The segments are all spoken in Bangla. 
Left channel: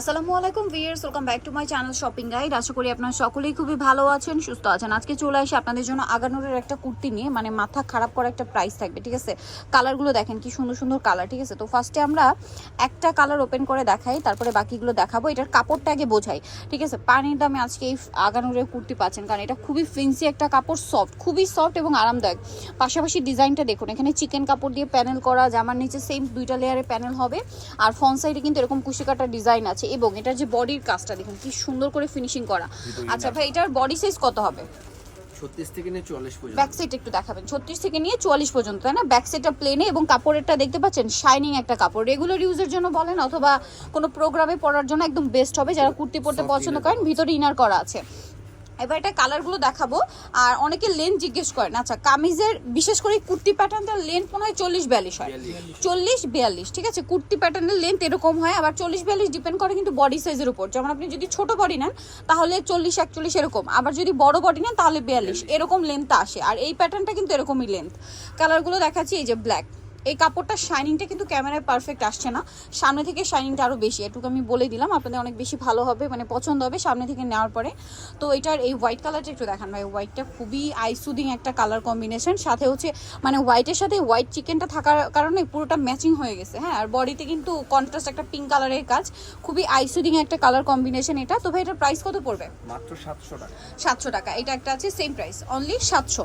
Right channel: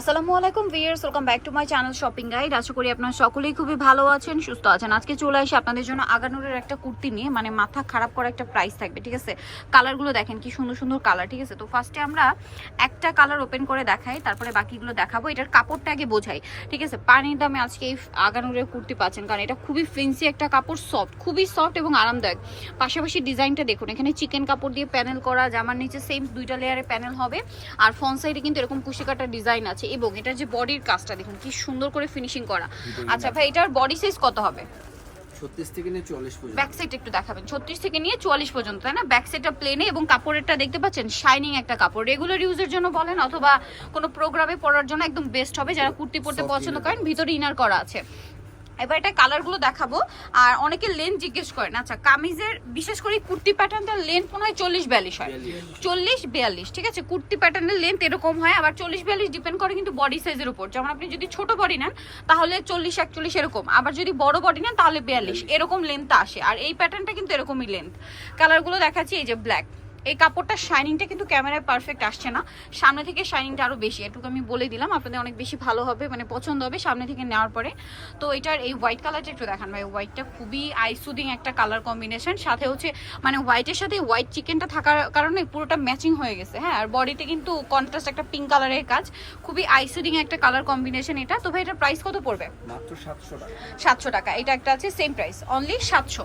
আসসালামু আলাইকুম viewers welcome back to my channel shopping guide আশা করি আপনারা সকলেই খুবই ভালো আছেন, সুস্থ আছেন। আজকে চলে আসি আপনাদের জন্য আগানুরের একটা কুর্তি নিয়ে মানে মাথা খারাপ করা একটা প্রাইস থাকবে, ঠিক আছে? কালারগুলো দেখেন কি সুন্দর সুন্দর কালার ঠিক আছে? তো ফার্স্টে আমরা একটা কালার ওপেন করে দেখাই, তারপরে বাকিগুলো দেখাবো। এটার কাপড়টা আগে বোঝাই, ঠিক আছে? পানির দামে আজকে এই আগানুরের কুর্তি পাচ্ছেন, কারণ এটা খুবই ফেন্সি একটা কাপড় সফট খুবই সফট এবং আরামদায়ক। পাশাপাশি ডিজাইনটা দেখুন, এখানে চিকেন কাপড় দিয়ে প্যানেল করা, জামার নিচে সেম দুইটা লেয়ারে প্যানেল হবে। আর ফ্রন্ট সাইডে কিন্তু এরকম কুশি কাটা ডিজাইন আছে। এবং এটার যে বডির কাজটা দেখুন কি সুন্দর করে ফিনিশিং করা। আচ্ছা ভাই এটার বডি সাইজ কত হবে? ছত্রিশ থেকে নিয়ে চুয়াল্লিশ পর্যন্ত। ব্যাক সাইড একটু দেখাবেন। ছত্রিশ থেকে নিয়ে পর্যন্ত তাই না? ব্যাক সাইডটা প্লেনে এবং কাপড়েরটা দেখতে পাচ্ছেন শাইনিং একটা কাপড়। রেগুলার ইউজের জন্য বলেন অথবা কোনো প্রোগ্রামে পরার জন্য একদম বেস্ট হবে। যারা কুর্তি পরতে পছন্দ করেন ভিতরে ইনার করা আছে। এবার এটা কালারগুলো দেখাবো। আর অনেকে লেন জিজ্ঞেস করেন আচ্ছা কামিজের বিশেষ করে কুর্তি প্যাটার্নটার লেন্থ মনে হয় চল্লিশ বিয়াল্লিশ হয়। চল্লিশ বিয়াল্লিশ ঠিক আছে? কুর্তি প্যাটার্নের লেন্থ এরকম হয় আবার চল্লিশ বিয়াল্লিশ ডিপেন্ড করে কিন্তু বডি সাইজের উপর। যেমন আপনি যদি ছোট বডি নেন তাহলে চল্লিশ একচল্লিশ এরকম। আবার যদি বড় বডি নেন তাহলে বিয়াল্লিশ। এরকম লেন্থ আসে। আর এই প্যাটার্নটা কিন্তু এরকমই লেন্থ কালারগুলো দেখাচ্ছি এই যে ব্ল্যাক এই কাপড়টা শাইনিংটা কিন্তু ক্যামেরায় পারফেক্ট আসছে না। সামনে থেকে শাইনিংটা আরও বেশি এটুকু আমি বলে দিলাম আপনাদের অনেক বেশি ভালো হবে মানে পছন্দ হবে সামনে থেকে নেওয়ার পরে। তো এটার এই হোয়াইট কালারটা একটু দেখান ভাই হোয়াইটটা খুবই আইসুদিং একটা কালার কম্বিনেশন সাথে হচ্ছে মানে হোয়াইটের সাথে হোয়াইট চিকেনটা থাকার কারণে পুরোটা ম্যাচিং হয়ে গেছে হ্যাঁ আর বডিতে কিন্তু কন্ট্রাস্ট একটা পিঙ্ক কালারের কাজ খুবই আইসুদিং একটা কালার কম্বিনেশন এটা। তো ভাই এটার প্রাইস কত পড়বে? মাত্র সাতশো টাকা। সাতশো টাকা এটা একটা আছে সেম প্রাইস অনলি সাতশো।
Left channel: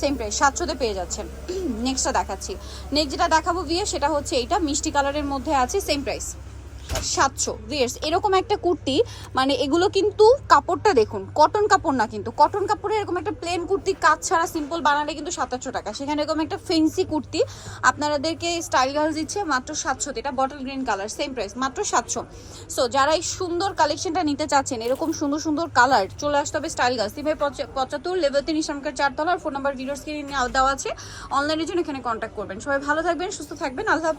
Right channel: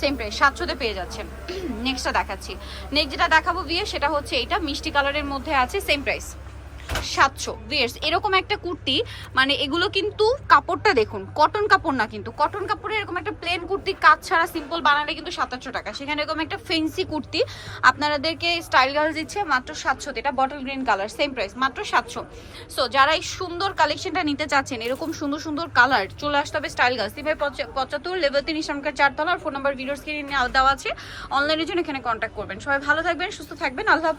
সেম প্রাইস সাতশোতে পেয়ে যাচ্ছেন। নেক্সটটা দেখাচ্ছি। নেক্সট যেটা দেখাবো বিয়ে, সেটা হচ্ছে এইটা, মিষ্টি কালারের মধ্যে আছে সেম প্রাইস সাতশো। ভিয়ার্স এরকম একটা কুর্তি মানে এগুলো কিন্তু কাপড়টা দেখুন কটন কাপড় না কিন্তু কটন কাপড়ে এরকম একটা প্লেন কুর্তি, কাজ ছাড়া সিম্পল বানালে কিন্তু সাতাশশো টাকা। সেখানে এরকম একটা ফেন্সি কুর্তি, আপনাদেরকে স্টাইল গার্লস দিচ্ছে মাত্র সাতশো, এটা bottle green colour same price মাত্র সাতশো। সো যারা এই সুন্দর কালেকশনটা নিতে চাচ্ছেন, এরকম সুন্দর সুন্দর কালার চলে আসতে হবে স্টাইল গার্লস তিনভাই পঁচাত্তর লেভেল তিন ইসলামকার চারতলা, আর ফোন নাম্বার ভিডিওস কিনে দেওয়া আছে। অনলাইনের জন্য এখানে কন্ট্যাক্ট করবেন। সবাই ভালো থাকবেন, সুস্থ থাকবেন, আল্লাহ